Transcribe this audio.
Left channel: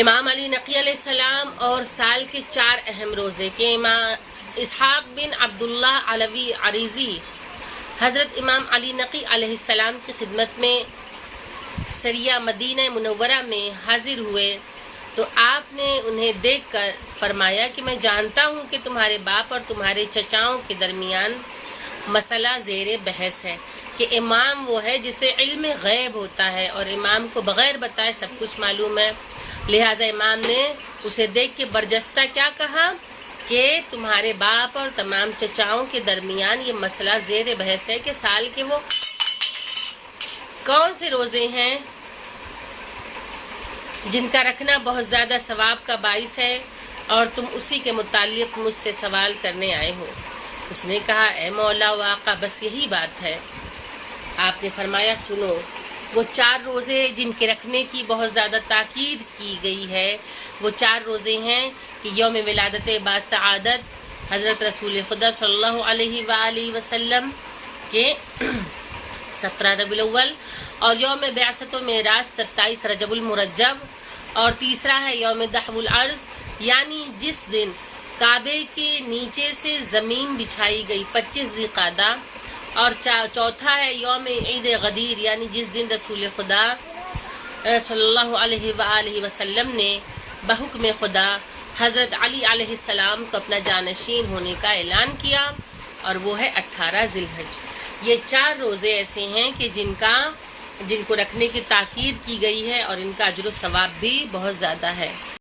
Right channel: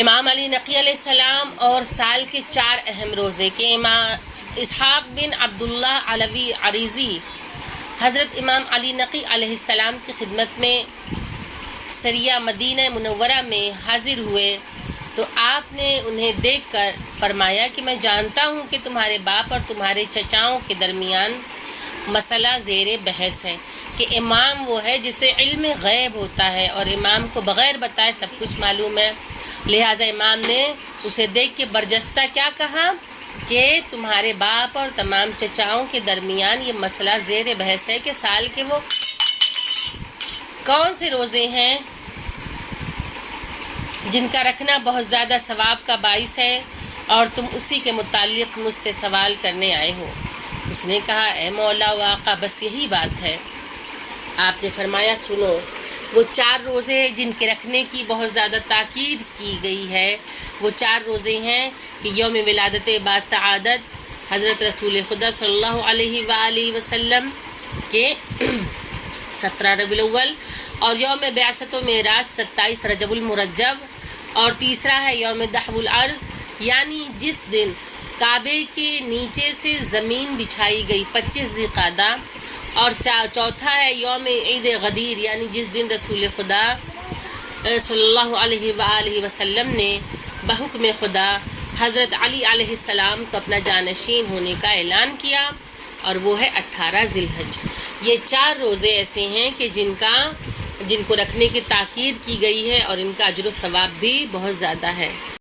امام علی نقی علیہ السلام اور سال کے 4 اہم روزے کے امام اسحاق بن عبداللہ علوی عریضی حضرت امام علی نقی علیہ السلام کی خدمت میں سریہ مدینہ منورہ میں حاضر ہوئے تو آپ نے انہیں دیکھ کر فرمایا کہ میں جانتا ہوں کہ تمہارے باپ اور تمہارے چچاؤں کے درمیان مسئلہ زیر بحث ہے کہ امام وہ ہے جسے علم غیب ہوتا ہے اور امام کو بغیر بتائے سب کچھ معلوم ہے، لہٰذا امام نے اسے دیکھ کے برجستہ کیا کہا کہ تمہارے باپ اور تمام چچاؤں کے درمیان یہ مسئلہ زیر بحث ہے کہ سال کے وہ کون سے روزے ہیں جن کا رکھنا بہت زیادہ ثواب کا باعث ہے اور تم اسی کے متعلق مجھ سے سوال کرنے آئے ہو۔ اس نے کہا اے مولا و آقا بس یہی بات ہے۔ آپ نے فرمایا سنو، وہ 4 روزے جن کے رکھنے کی بہت زیادہ تاکید کی گئی ہے وہ 4 روزے ہیں کہ یوم ولادت با سعادت حضرت رسول خدا صلی اللہ علیہ وآلہ وسلم کے 17 ربیع الاول، اور یوم بعثت و معراج 27 رجب المرجب، اور تیسرا ہے یوم دحو الارض یعنی جس دن کعبے کے نیچے سے زمین بچھائی گئی 25 ذی القعدہ، اور چوتھا ہے یوم عید غدیر یعنی جس دن رسول خدا صلی اللہ علیہ وآلہ وسلم نے بحکم خدا حضرت علی علیہ السلام کو اپنا جانشین ہونے کا اعلان کیا، اور وہ ہے 18 ذی الحج۔ یہ 4 روزے ایسے ہیں کہ جن کو رکھنے کی تاکید کی گئی ہے اور ان کا اجر و ثواب بھی بہت زیادہ ہے۔